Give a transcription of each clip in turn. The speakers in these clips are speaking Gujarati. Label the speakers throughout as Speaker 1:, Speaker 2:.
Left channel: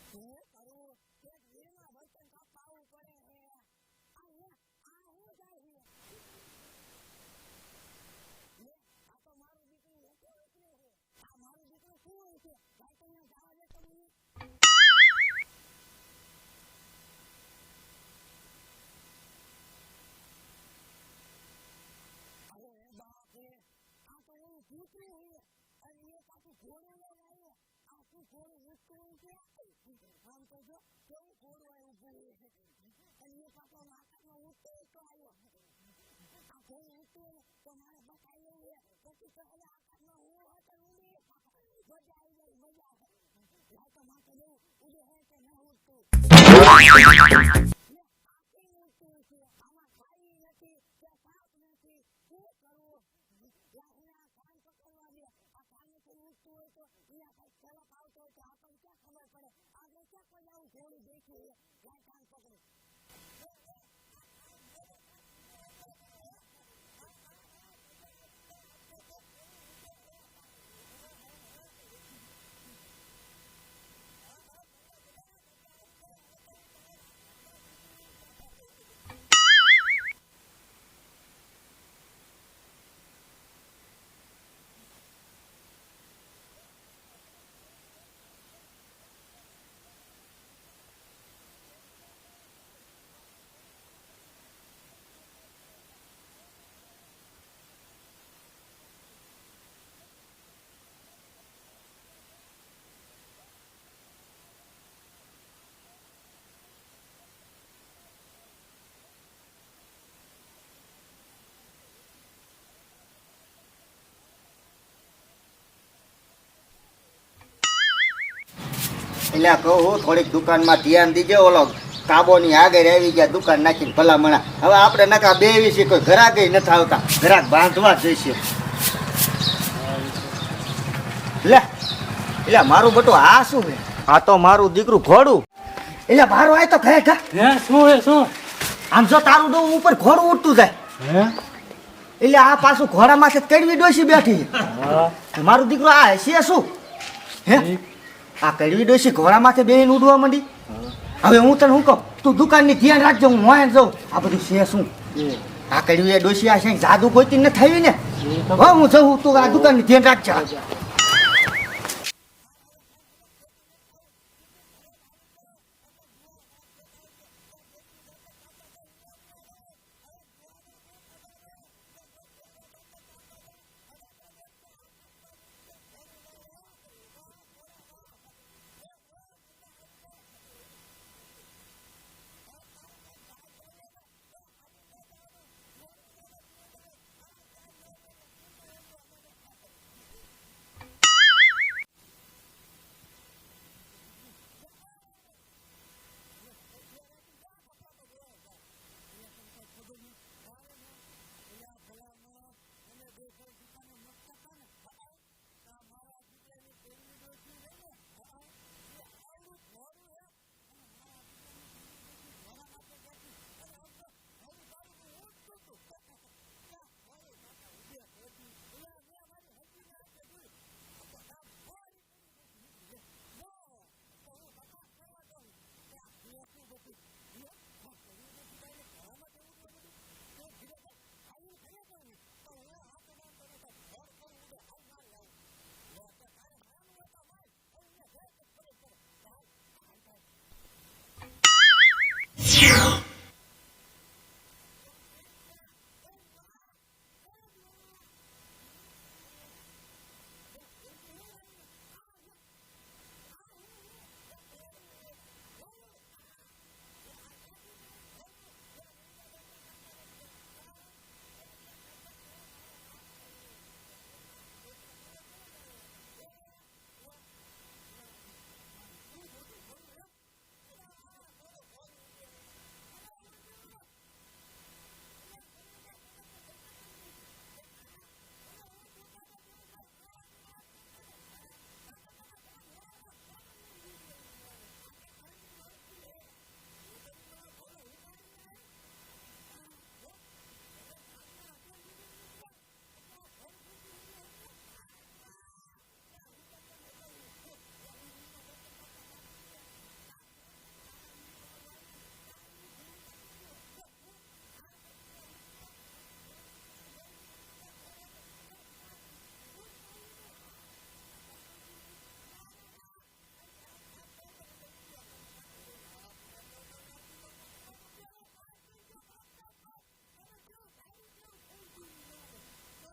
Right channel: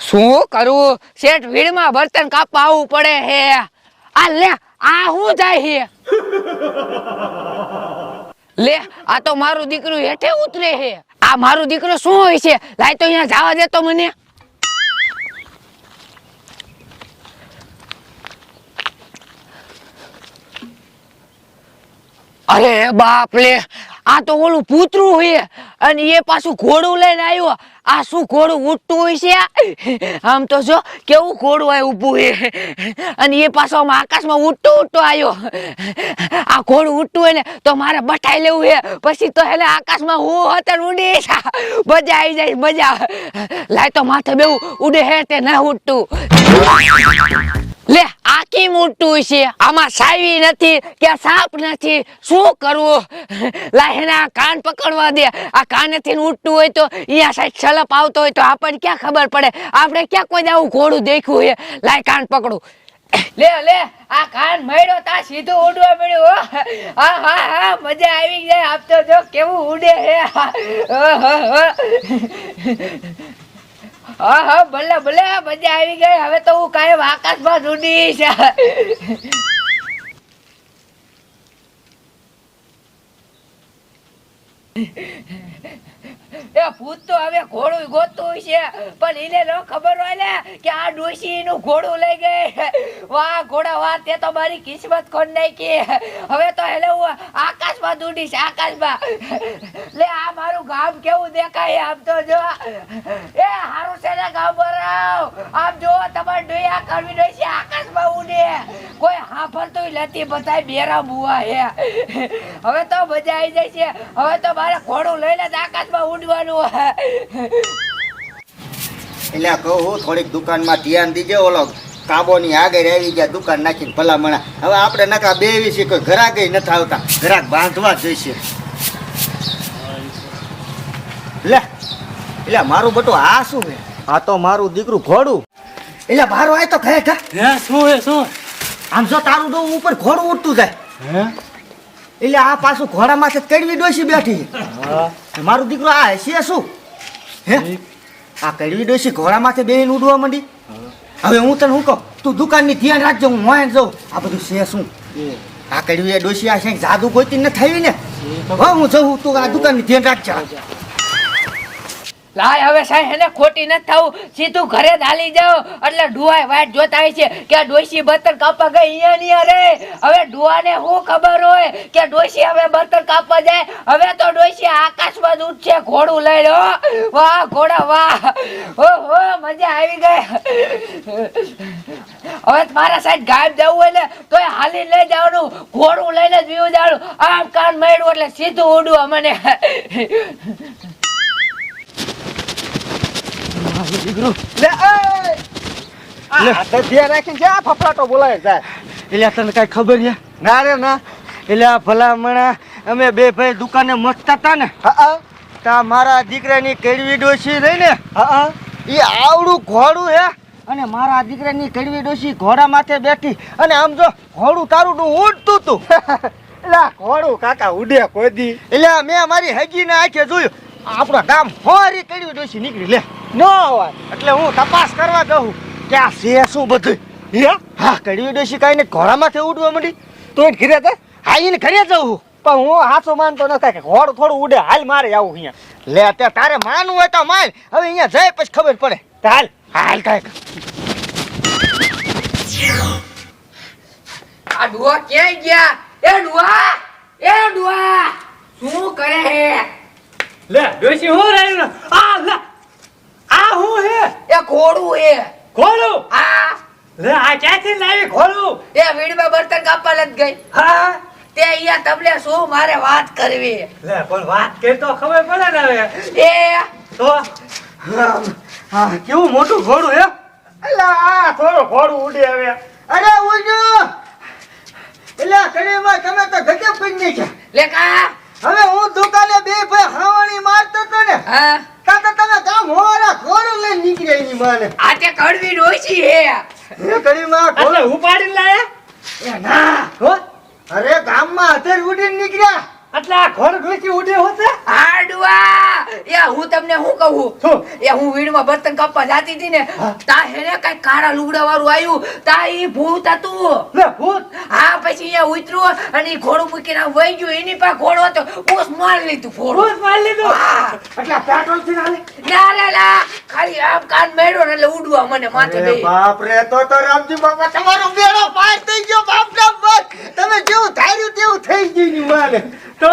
Speaker 1: શું કરું? શેઠ ભીડમાં બર્તન કાપવા આવવું પડે હે. આ લે, આ હું જાય હે? લે, આ તો મારું દીકરું હેઠે ઉતરે હે. આ મારું દીકરો શું હોય છે? લાય તો અહીંયા જવા દેતો મને. અરે બાપ લે, આ તો ઓલું પૂતરું હોય અને એ પાછું ઘોડું લઈને આવ્યો. આ શું ઘોડું ઉઠતું હોય છે આમ તો જો, કેવું ઘોડું આ ઊભું હે અને એ પાછો આમ આકાશમાં ઉઠતું ઉઠતું આવ્યો. આ ઘોડું ઉઠતું હોય ને, તો મારે બટાઈ લેવું હે પછી તો હેલે આકાશમાં હું હતર ઉડી મજા આવી જાય, મજા. લાય તો માથે બેવું, ઉડે હે તે ના ઉઠતું લે આ કેમ ઉડતું છે આમાં સાવી નથી કે સાપ નથી. શું કરવું? લાહેના કાન પકડવા દે. આ કાનેથી ને ઉડતું હોય તો અહીંયા સાઈડ છલપ આવતો હોય તો આપણને ક્યાં ખબર પડે? આપણે ક્યાં કોઈ આવું ઘોડું દેખ્યું હોય લાય કાન પકડું. લે લે, આ કાન મળ્યો તા સીધું ઉડવા મળ્યું. હા. હા હા મજા આવી જાય. આપતો જો કેવું ઉડે હે. હા હા, ભલે ભલે મજા આવી ગઈ. હવે તો હું કાયમ આકાશમાં ઉડીશ એ ભૂત તો હવે ઘોડું ગોતું છે. પણ એને ન ખબર હોય ને કે આ ડોશી નું ઘોડું લઈ ગઈ. વાહ, ઘોડા, વાહ, તે તો મારી કિસ્મત ખોટ નાખી. હવે તો એટલે હું આકાશમાં દૂડીશ આકાશમાં. લે, આ મારું ગામ કેવું દેખાય આમ તો જો. એ સારું છે. ને બરાવ આમ જો, તમારે ડોયા કરવી ડોઈ છે, આકાશમાં ઉડે. કોઈ હાંભળતું નથી બધા બેરા હે. હવે તો મજા આવી જાય છે. હવે તો મારે ઘોડું લઈને જ આકાશમાં ઉડવાનું
Speaker 2: એટલે કહું થોડીક દુકાનમાં ધ્યાન દીજે ઓલો કાબોની આગળ આવી ગયા, દુકાન નાખીને ભલામણા. હવે આપણે નકા બે છે કોઈ ઘરાક નથી આવતા. ઘરાક બાંધવા જોઈશે. લે એટલે મારું બટું આ શું છે આ તો મારું દીકરું ઘોડું. એટલે મારું આય તો કહે ખા
Speaker 3: હે શું હે શું?
Speaker 2: આમ જો તારું ડોવું ઉપર ઘોડું ઉડતું જાય.
Speaker 3: હે?
Speaker 2: એટલે આ પાછું ઘોડામાંથી કડવી ડોસી બેઠી
Speaker 3: હા.
Speaker 2: છે મારું દીકરો આ છે શું? હે? આ કડવી ડોસી ઘોડામાંથી બેહીને ઉડવા માંડી. હવે હું તને શું કહું? તું દુકાનની ધ્યાન રાખજો હું મોયન જાઉં. આ બધું છે શું? આ કડવી એ ડોસી આ છે જાદુ ગોતી ન થઈ ને હવે હું જઉં તું આ દુકાનની ધ્યાન રાખજો.
Speaker 1: લાય, હવે સાહેબ, એને ખોટી ન થવું સીધું ઘરે જ હાલી જાઓ. એટલે ડુઆય વાટ જોતા છે કે આ ડોશી બર્તન કાપવા ગઈ, અહીંયા ની અરે. હવે ડુઆને શું ખબર હોય કે ડોશી હવે બર્તન કાપવા જાય? હવે તો ડોશી આકાશમાં જ ઉઠશે, ઘોડું લઈ લો. વાહ, ઘોડા, વાહ. હો હો મજા આવી ગઈ. હવે મારા સાહેબ ગાયબ જવું હોય ને, તોય હાલી લઈ જવાનું. ઘોડું લઈને જ બીવું જવાનું આમ કાન મળ્યું એટલે સીધું ઉડવું મને
Speaker 2: એટલે તને કાંઈ ખબર છે? ના રે ના. એટલે આ ભલામણા અમે બે ભાઈ દુકાને મસ્તા હતા ને. તા મારા દીકરાની કેળવી ડોસી રહી ને. એ આવડું ઘોડું હે. અને મારા દીકરાની કડવી ડોસી ઘોડા માથે બેઠી. અને આમ જો ઘોડું તારું ઉડતું તું. એટલે ઘોડું કાકા ઉડે કોઈ દી. એટલે મેં મારી હગી ને આંખે જોયું. આપણા ગામ હોરી કડવી ડોસી નીકળી લે. ન હોય એટલે હું તપાસ કરવા કહું કે આ છે શું બધું? હે? હા કડવી ડોશી કાંઈ ને ઘોડામાંથી માથે ઉડવા માંડી? તો ઘરે તે હા એને ઘરે જવું પણ હું હાથો માનતો નથી કે ઘોડું થોડું ઉડે હાલ મારે આવું અહીંયા. લે તે તારે માનવું હોય તો માન. હવે અહીંયા જાય પછી ખબર પડે. હાલ. હાલ કાંઈક
Speaker 1: આ ડુઆ ક્યાંય ગયા? એ ડુઆ! એ ડુઆ! શું કરે હે?
Speaker 3: લે ડોશી હું રહ્યું આ લે. આ હું હે?
Speaker 1: એ ઘોડું હે
Speaker 3: ઘોડું?
Speaker 1: હા.
Speaker 3: લે આ ક્યાંથી લાવી ઘોડું?
Speaker 1: એ વીડમાં બર્તન કાપવા લત ગઈ.
Speaker 3: હા.
Speaker 1: તે અહીંયા તમને શું મારે વાત કરવી?
Speaker 3: લે પણ વાત કરી તો ખબર પડે ને હવે.
Speaker 1: એ.
Speaker 3: તો?
Speaker 2: હા કેવું મોટું ઘોડું હે? અલા આ થોડું ઘોડું ઉડે હવે. અરે ઉડજો! એટલે કડીમાં તમે તો ગજબ કરી નાખ્યા
Speaker 1: લે કા?
Speaker 2: હવે હું દુકાને બે ભાઈ ખાવાની મારતો તો ને?
Speaker 1: હા.
Speaker 2: જાય ની માને
Speaker 1: આ તે કડવી ડોશી હે.
Speaker 2: એ કડીમાં માં
Speaker 3: એટલે ઉપાડીને લાયા?
Speaker 2: એ ના.
Speaker 3: હો?
Speaker 2: અરે ગામમાં અત્યારે ઉડીને નીકળ્યા.
Speaker 3: એટલે આ ઘોડ ડોશી ઉડે હોતે
Speaker 1: આડવા એ હું તમને શું કહું? એ હું વીણમાં બર્તન કાપવા જાતી હતી ને તા હેને કઈ કાળા લુગડા વાળું આવ્યું તા ઈ ભૂત હતું.
Speaker 3: ભૂત?
Speaker 1: હા પછી અહીંયા ઉતર્યું અને ઘોડું મૂકીને વહી ગયું. એની પાસે ઘોડો હતો. ઓસ મારી લીધું ઘોડો.
Speaker 3: માર લીધું. એટલે પેટ્રોલથી નાલે?
Speaker 1: ના ના ના. ખાલી આમ કાન મેળો ને એટલે ઉડવા મને માથે
Speaker 2: બાપ રે તો તો રામજી બાપા તમારો બેડો પાર થઈ ગયો બાપ તમે જેવું ધાર્યું તેવું થઈ ગયું ની માને
Speaker 3: તો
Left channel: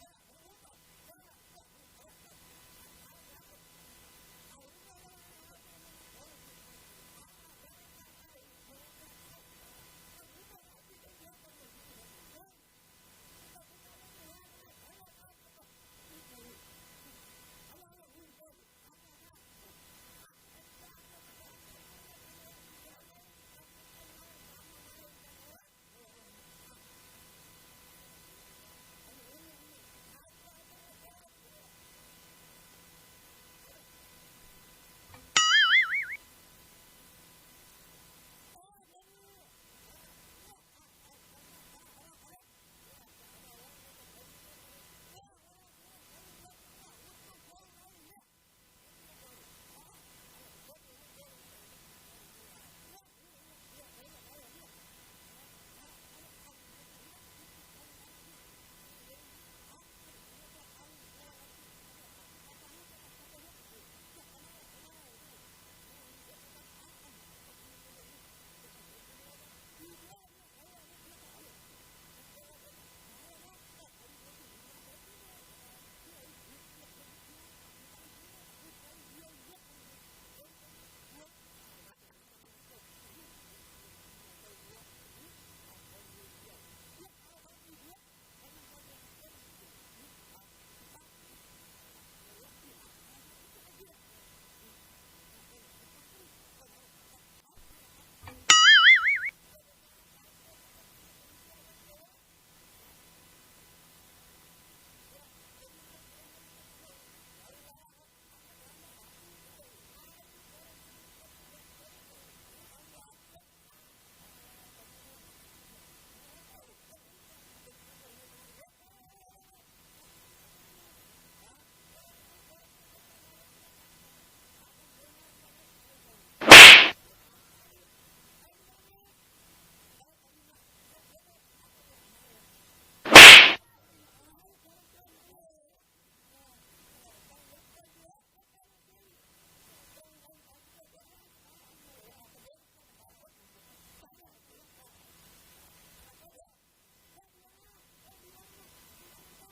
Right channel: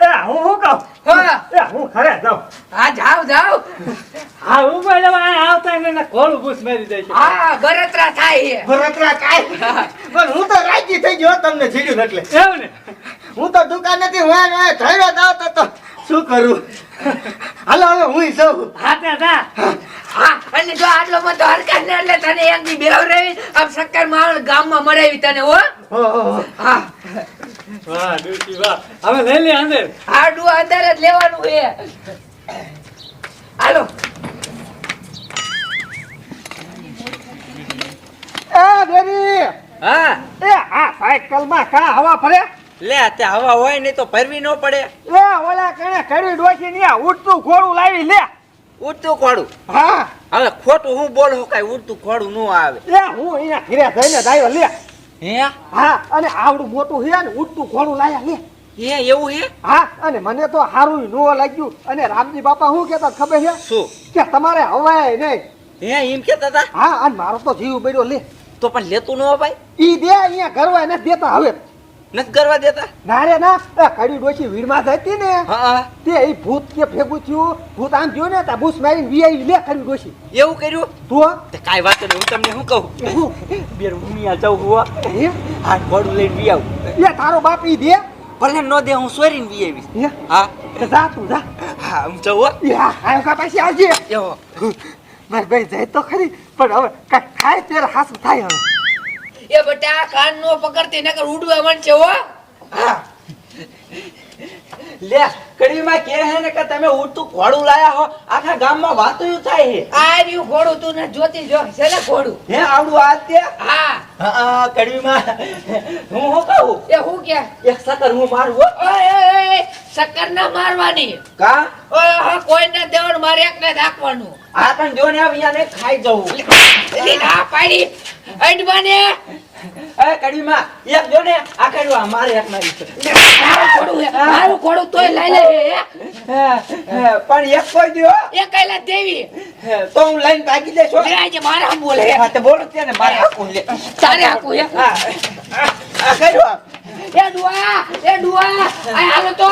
Speaker 3: એ હું હું કહું?
Speaker 1: હા.
Speaker 3: એ હું ખરે જાઉં.
Speaker 1: હા જાવ જાવ
Speaker 3: હા હું પણ હવે આવતા એને એને ભૂસ મારી દે છે
Speaker 1: હા બરતરા થાય છે.
Speaker 2: ભરતરા પણ હું તો રાજી થઈ ગયો તમને જીડ્યું એટલે.
Speaker 3: એવું ને?
Speaker 2: હું તો દુકાન નથી હું એને ધૈર્ય દાવતો તો શું કરું? હાલો હવે હું સૌ.
Speaker 3: હા તે
Speaker 1: હા અને જો આટલો બધો હરકત ને એટલે તને એક બેવ રહી આમ શક્કર માળ ગામમાં મરાવી તને હા.
Speaker 3: વાહ
Speaker 1: જ લેવાનું છે હાલો
Speaker 4: હા.
Speaker 2: એ આ સાયકલ હવા ફરે
Speaker 4: લે તે હવા હોય નહીં તો ફરવી ન પડે
Speaker 2: લે ઓલા કણે ખડી ડોસી ઉડતું ઘોડું લાવી લે
Speaker 4: ઉડતું ખોડું
Speaker 2: હા
Speaker 4: હવે ખોટું હું બોલું કઈ ઉડતું ખોડું ન આવે
Speaker 2: લે હું. અહીંયા થઈને દાયો લે
Speaker 4: હે?
Speaker 2: હા અને આવડું મોટું હે ને ઉડતું ઘોડું લાયા લે.
Speaker 4: હે એવું હે?
Speaker 2: હા અને મને તો હારું નો લાગ્યું. અને રામજી બાપા શું કેતા ખબર હે?
Speaker 4: શું?
Speaker 2: કે તમારે હવાય નહીં.
Speaker 4: હે એમ કેતા હતા?
Speaker 2: હા અને મારો તો જીવ બળ્યો લે.
Speaker 4: તો પણ લેતું ન ભાઈ?
Speaker 2: ઈ દે અહીંયા કરવા નથી દેતા હવે.
Speaker 4: નથી કરવા દેતા?
Speaker 2: ના રે ના. કડી ડોસી વીરમાં જતી ને. તે એ ભૂત કે ભેગું થયું. ભૂત આમ થયું ને તા બુસ મારી વીઆઈ લે કડી ડોશી
Speaker 4: એવું કર્યું?
Speaker 2: તું?
Speaker 4: તે કાઈ વાત નહીં હું તમને શું કહું? બેર ઉમિયા જાઉં હું
Speaker 2: હે?
Speaker 4: હા ખોડું લઈને વી આવું.
Speaker 2: એ તારો બાપ ઈ દે.
Speaker 4: ભલે ન દે હું સોરીને વી આવીશ.
Speaker 2: હા? જા તું જા.
Speaker 4: હા હું જાઉં હા.
Speaker 2: હા કા પાછી આવજે.
Speaker 4: એવો.
Speaker 2: મારી ભાઈ જાય તો ખરી. પણ હવે કાઈ થાય ત્યારે હાસું થાય હવે.
Speaker 1: એ બટા કાન નો પકડતી નકર ઉડવા માંડશે હો.
Speaker 4: લે કડીમાં કે હે ને કે તમે ઉડતું ખોડું લાયા હો આખા ગામમાં વાતો યું થાય હે.
Speaker 1: આ રહ્યું ઘોડું તું ને જોતી જો છે ને ઘોડું?
Speaker 4: હે આવડું આ તે?
Speaker 1: હા.
Speaker 4: હા કડીમાં. હું શું કહું?
Speaker 1: એ હું કે?
Speaker 4: એક સકર હું મારું હો.
Speaker 1: ઓય ના મારવાની.
Speaker 4: કા?
Speaker 1: ઓય હા કોઈને દેવાનું મારે એકને જ
Speaker 4: આ પણ જો ને અહીંયા ને ખાઈ જવું.
Speaker 1: ના પાડી. અંડવાને.
Speaker 4: એ કડીમાં એક જો ને આ કડવા મારે એક નારી છે.
Speaker 1: મારું ઘોડું હે, મારું ઘોડું તોય લઈ લે હે, હે.
Speaker 4: હે, હે, પણ એક કોઈ દ્યો.
Speaker 1: એ કઈલા દેવી.
Speaker 4: તો હું લઈને ભાગી જઈશ
Speaker 1: લે આજે મારા બોલે હા.
Speaker 4: તો બોલો છે ને મારે આપવું લે.
Speaker 1: તારે આપું હે.
Speaker 4: હા આ- આ કડવા.
Speaker 1: એ ડુઆ એ ડુઆ આ હાલો તો.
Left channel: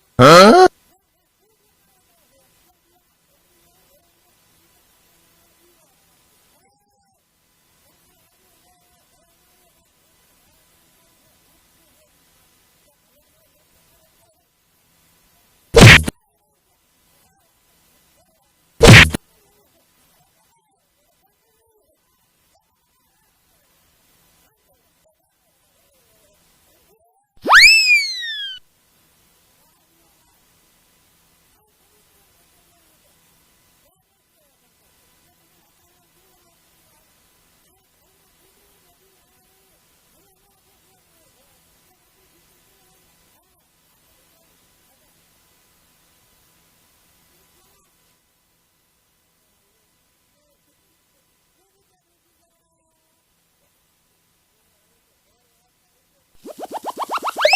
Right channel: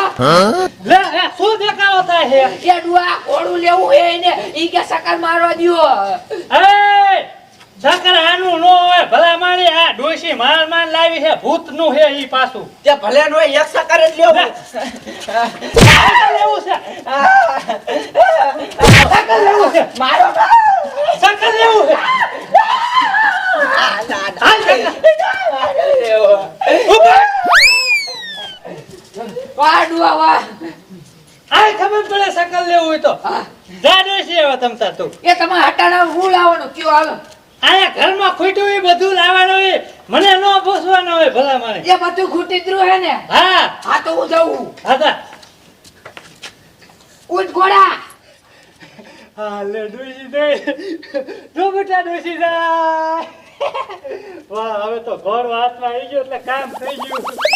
Speaker 3: લે એ શું દેખાડો થાય હે?
Speaker 1: એ ડુઆ ઘોડું લેવું હે એને. ઈ કે સકર મારવા દ્યો.
Speaker 3: એ સાકર આનું નો હોય ડોશી માર માર લાવી છે ભૂતનું છે ઈ પાછું.
Speaker 4: તે ભલે નો એક સકર જ લેવું
Speaker 3: લેવું છે. સાકર લેવું છે.
Speaker 4: મારો
Speaker 3: સાકર લેવું છે. આ ખબર પડે સાકર લેવું હોય તો. જાડો છે હવે તમતા તું.
Speaker 1: એ તમે હટાણા હું લાવવાનું. કયો હાલો.
Speaker 3: આયા ઘરમાં ખૂટ્યું હોય બધું લાવવાનું હોય મને ન પૂછવાનું હોય ભલા મારે
Speaker 1: એ બધું ખૂટી જ હે ને?
Speaker 3: હા.
Speaker 1: હા તો હું જઉં.
Speaker 3: હા
Speaker 1: ઉઠ ઘોડા.
Speaker 3: હા લે ડોશી દે. જો બેટા જાય. વાહ હવે તો ઘર હાથમાં આવી ગયો એટલે કામ થઈ ગયું.